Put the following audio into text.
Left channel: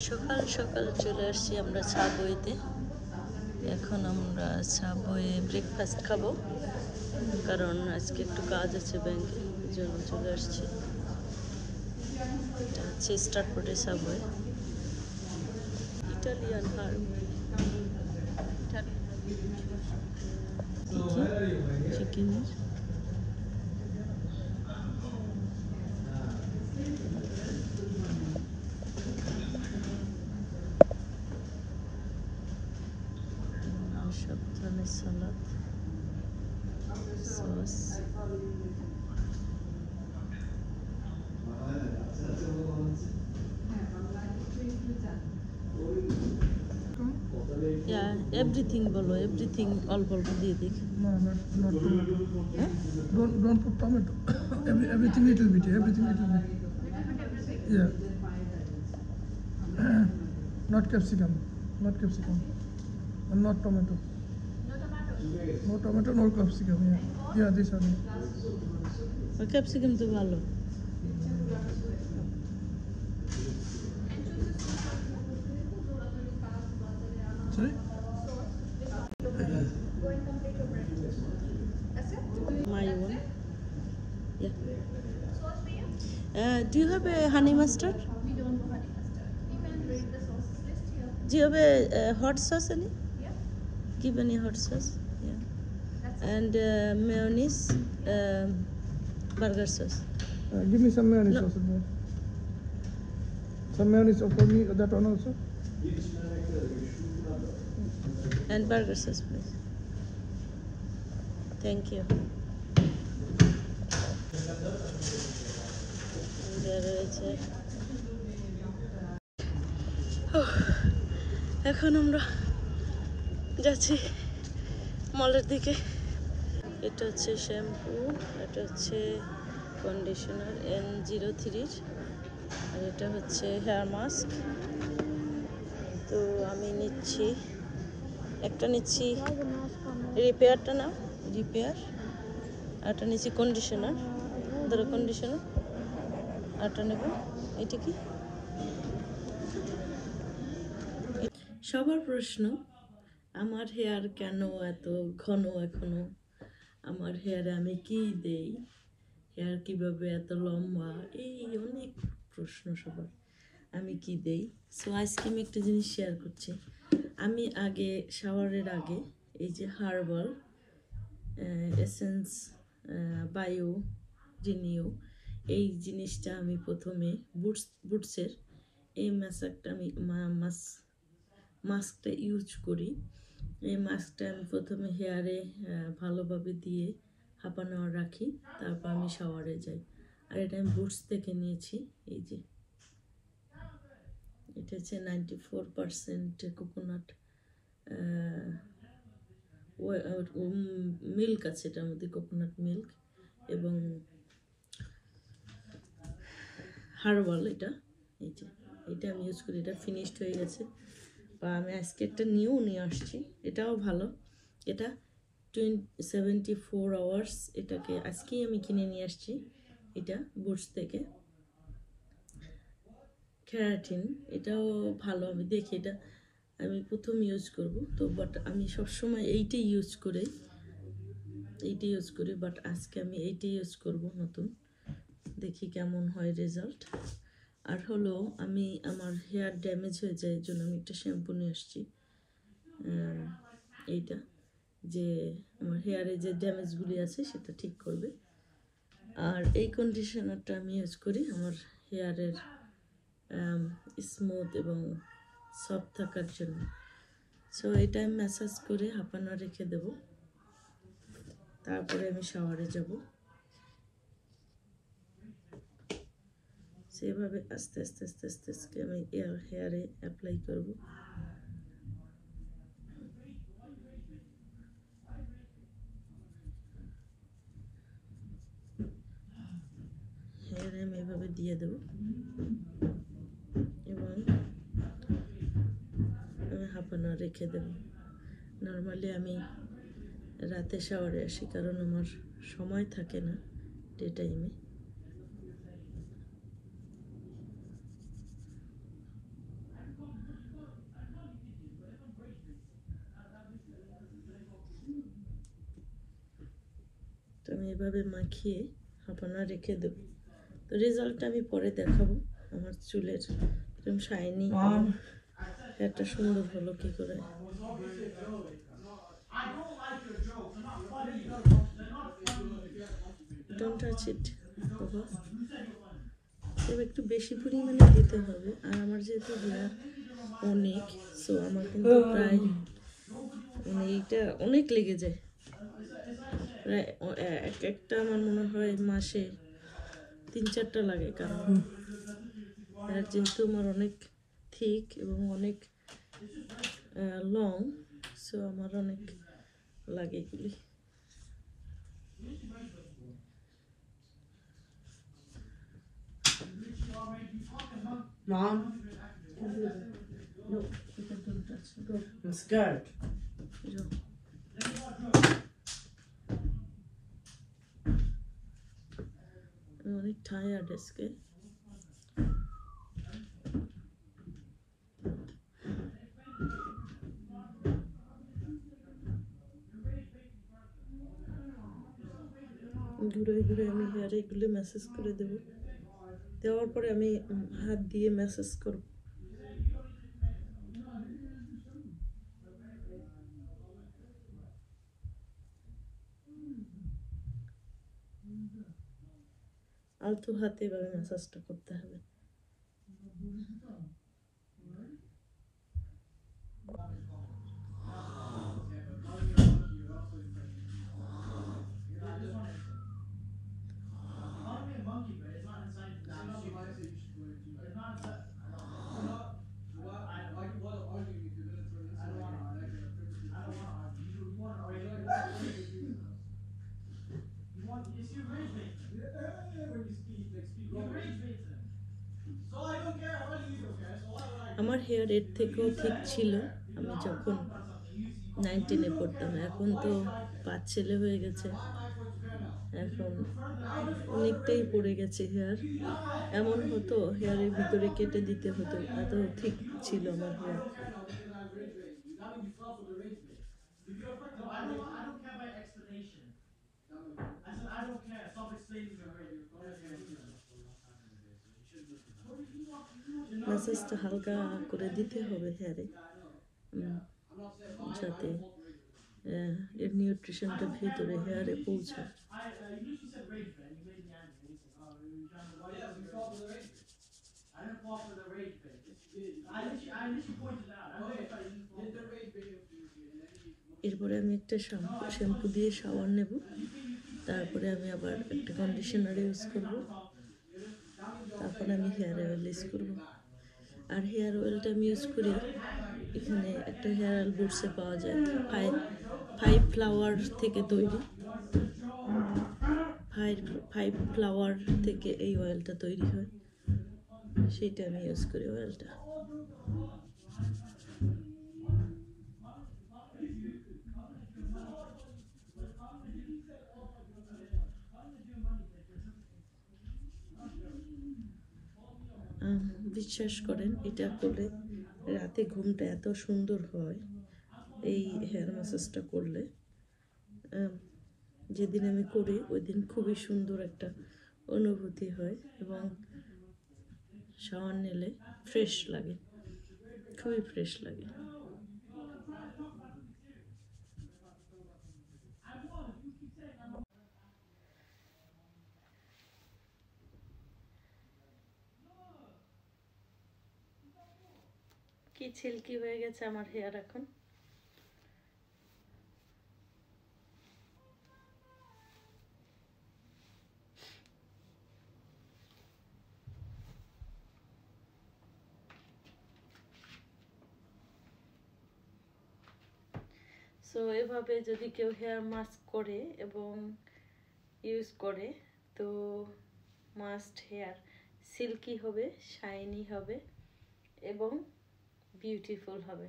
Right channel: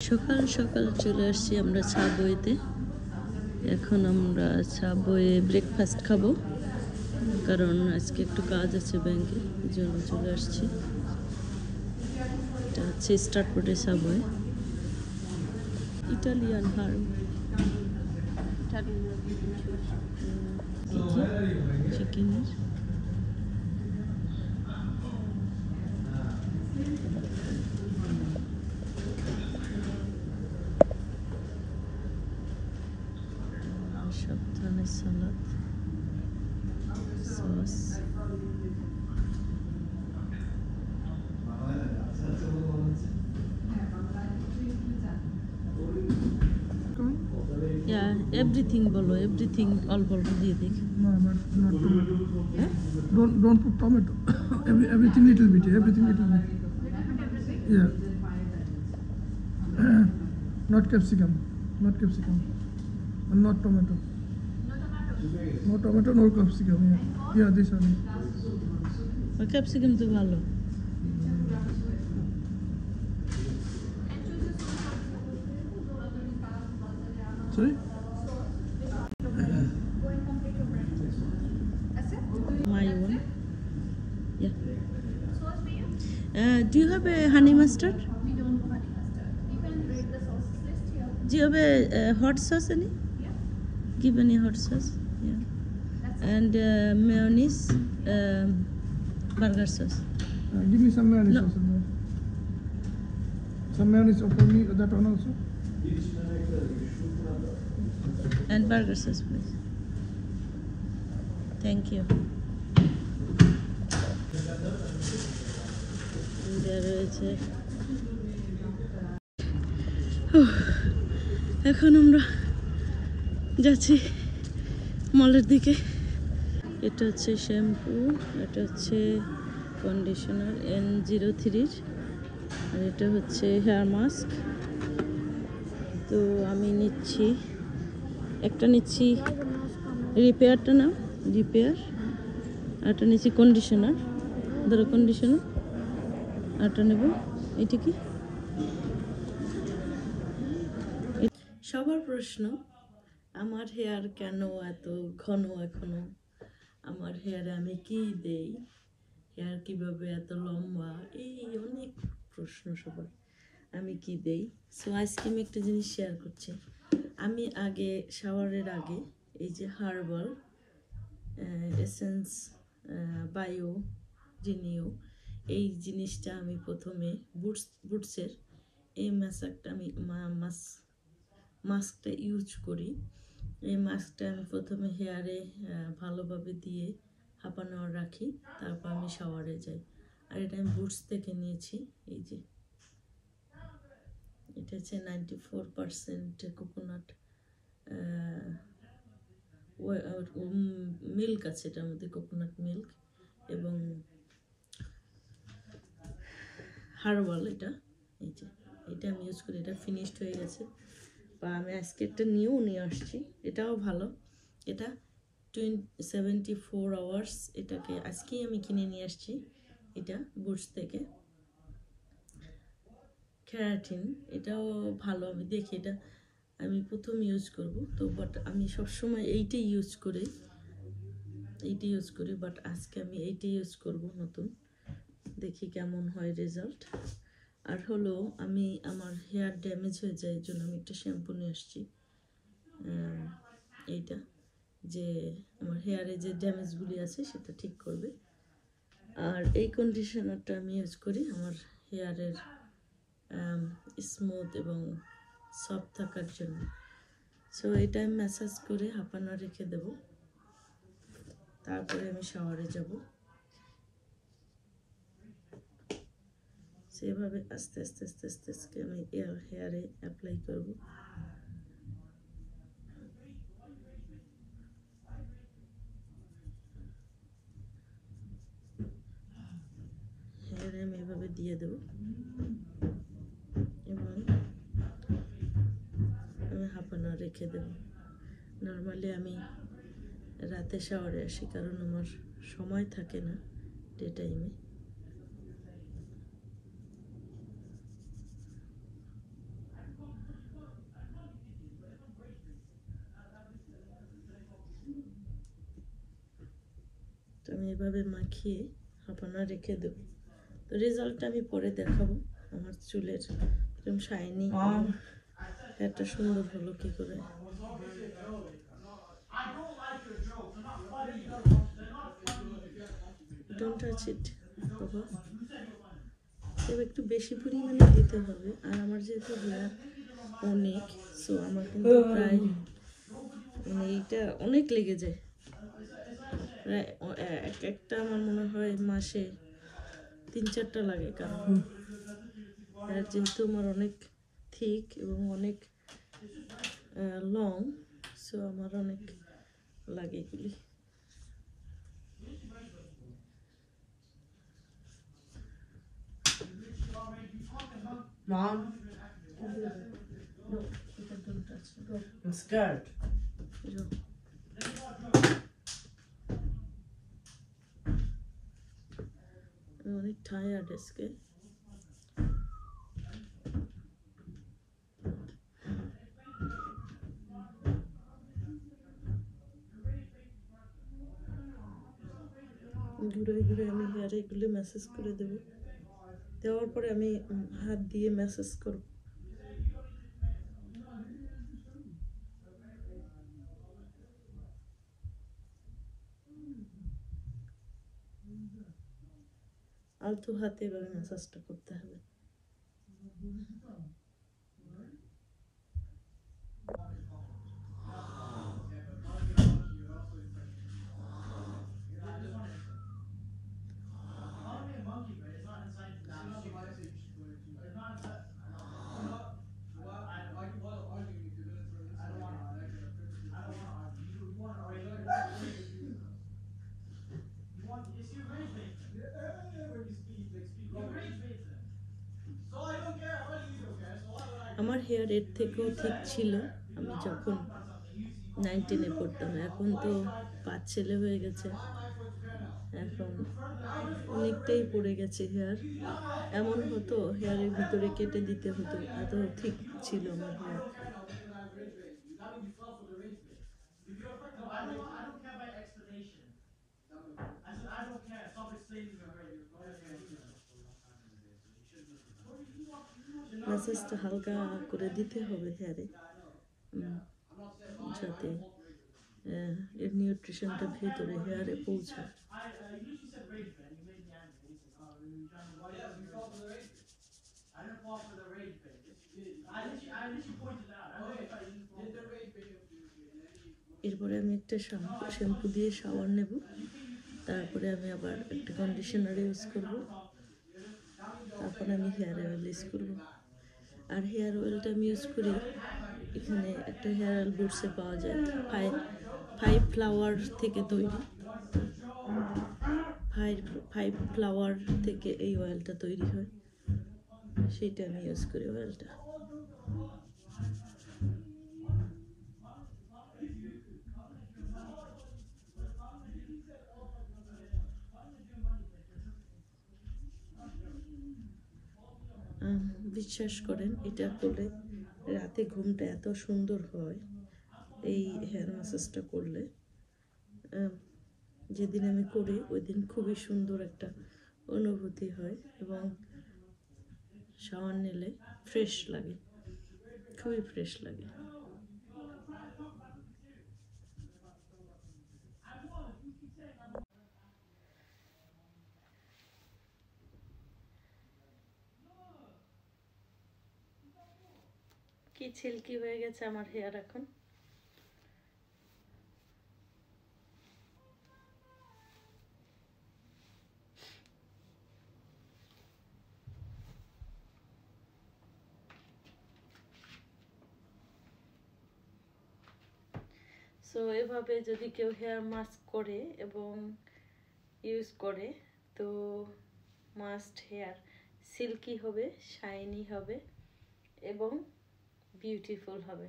সকাল সকাল চলে আসছি আমরা সাবওয়েতে। এখন আমরা সাবওয়ে ব্রেকফাস্ট খাবো, কারণ আজকে একটু কাজ আছে ব্যাংকে, এই জন্য চলে আসছি। এটা হচ্ছে স্টারপোর্টে সাবওয়ে। ইটালিয়ান হার্ব, চিকেনের সব ধরনের সালাদ, সস, এভরিথিং বলো, এভরিথিং অল্প অল্প দিয়ে দিই। No, not tomato. Don't put tomato. Everything little bit. Everything little bit. Yeah. Not capsicum. Not capsicum. And not tomato. No tomato, no capsicum. Yeah, this one. Capsicum তো ভালো। Sorry? My one. Yeah. Do you have a honey mustard? We don't have honey mustard. You can read the sauces list here. Do you have a hot sauce any? Yeah. Give any hot sauce. Yeah. And mayonnaise, burger sauce. Give me some mayonnaise No. also. Some mayonnaise for me, that one also. And burger sauce, please. Thank you. And there is এখন আমরা যাচ্ছি মলের দিকে। এটা হচ্ছে শ্যাম্পু, এটা হচ্ছে conditioner N03, আর এটা হচ্ছে হেয়ার মাস্ক। তো আমি নিচ্ছি একটা, নিচ্ছি রিপেয়ারটা নাও, রিপেয়ার। একটা নিচ্ছি কন্ডিশনার, ধরো কন্ডিশনার। আরটা নেব, এটা কি? সবার প্রশ্ন, আমার হেয়ার কেন এত ঘন এখনো, আমার হেয়ারে আমি কি দেই, হেয়ার কিভাবে এত লম্বা, এই অনেক প্রশ্ন সবার, আমি কি দেই। সো আজকে আমি একটা জিনিস শেয়ার করছি। আমি আগে শাওয়ারের আগে এই যে হার্বাল এসেন্স বায়ো রিনিউ, এই জিনিসটা আমি প্রথমে বুটসের এই মাস্কটা আমি মাস্কটা ইউজ করি। এই মাস্কটা আমি প্রথমে হেয়ারে ভালোভাবে দিয়ে হাঁপানো রাখি, তারপর আমি শাওয়ারে যাই। আর এটা আমি বুটস থেকে নিয়েছি। এই যে এটা হচ্ছে 94% কোকোনাট মিল্ক আছে, এটার মধ্যে কোকোনাট মিল্ক এবং হার্বাল। এটা এই যে এটা আমি ইউজ করি, এটা ফিনিশড হয়ে গেছে, বা আমি আজকে একটা নিয়ে আসছি, এটাও ভালো। এটা 74 আওয়ার্স, এটাকে আজকেই আমি কিনে নিয়ে আসছি। এটা বুটস থেকে ক্যারাটিন, এটাও ভালো। আমি দেখি এটা আমি প্রথম ইউজ করব তো, বাট আমি সবসময় এইটাই ইউজ করি, বাট আজকে আমি এইটাই ইউজ করব নতুন, দেখি কেমন হয় রেজাল্ট। আর হলো আমি আমার হেয়ার ড্যামেজ হয়ে যায়, এই জন্য আমি একটা শ্যাম্পু নিয়ে আসছি, এইটা যে আমার হেয়ারে যে ড্যামেজগুলি আছে সেটা ঠিক করবে। আর এই কন্ডিশনারটা আমি ইউজ করি আমার হেয়ারের স্মুথ এবং সফট থাকার জন্য। সো এটা আমি ম্যাসাজ করে হাঁপানা রেখে দেব, তারপরে আমি শাওয়ারে যাব। সেভাবে আস্তে আস্তে আস্তে আস্তে আস্তে আমি হেয়ারে অ্যাপ্লাই করব। হেয়ারে আমি এভাবে দিয়ে দেব এবং আমি হাঁপানা রেখে দেব। নর্মালি আমি রাতে শাওয়ারে আসি, কারণ আমার সময় থাকে না ডে টাইমে। এভাবে মাখিয়ে হাফানা রেখে দেবো। তো রেজাল্টটা আমি পরে দেখাবো আমার চুলের এরকম শাইনি হেয়ারটা সুন্দর হলো কি করে। ডোন্ট টাচ ইট বাবা, তবে একটু বেশি পরিমাণে দিতে হবে। আর আমার যেহেতু হেয়ার অনেক, সো আমার কিন্তু প্রায় এটা অনেক লেগে যায়। প্রায় একটা আমার মনে হয় মাসে 3-4টা লাগে, কারণ হেয়ার যেহেতু আমার অনেক থিক এবং অনেক লং, সো আমার অনেক লাগে এগুলি। Mom, No, don't touch me. Go. I'm scared. Go. I'm অনেক টায়ার্ড আজকে। ঘুরে ঘুরে আমি হেয়ারে এগুলো ম্যাসেজ করে দেবো। দেওয়ার পরে আমি হাত দিয়ে ম্যাসেজ করব। আলতো হাতে এভাবে ম্যাসাজটা করতে হবে। আমার হেয়ার এর থেকেও ঠিক ছিল আমি যখন 9-10-এ পড়তাম। এখন তো 5 ছেলে হয়ে গেছে, এখন অনেকটাই পড়ে গেছে হেয়ার। এমন হতো হেয়ারের ভিতরে কেটে দিতে হতো, এত ঠিক ছিল আমার হেয়ার। ম্যাসেজটা হালকা করে দিতে হবে হেয়ারে, যাতে এর নিউট্রিশনটা ভেতরে হেয়ারে পৌঁছায়। এরপরে আমি একটা শ্যাম্পু দিয়ে শাওয়ার নেব, তারপরে আমি আবার একটা কন্ডিশনার ইউজ করব, তারপরে আমি হেয়ার অয়েল ইউজ করব। আর হেয়ার অয়েলটা আমি ইউজ করি, এখানে একটা হেয়ার অয়েল বুটসে পাওয়া যায়, ফাইভ ফ্লাওয়ার থেকে তৈরি। ফাইভ ফ্লাওয়ার থেকে এই অয়েলটা তৈরি হয়, সেইটা আমি ইউজ করি অয়েলটা। বিশ্বাস করেন এটা করলে রাতে ঘুমটা এত সুন্দর হয়, এই হেয়ার ম্যাসাজটা করলে। যেদিন আমি করি ওই দিন খুবই সুন্দর একটা অনুভূতি হয় এবং শাওয়ার নিলে ফ্রেশ লাগে, খুবই ফ্রেশ লাগে। কি সিল্কি হয়ে গেছে আমার হেয়ার এখন। সো এভাবে যদি কেউ হেয়ার মাস্ক করে এবং ইউজ করে, তো মাস্ট হেয়ার সিল্কি হবে, শাইনি হবে এবং বিউটিফুল হবে।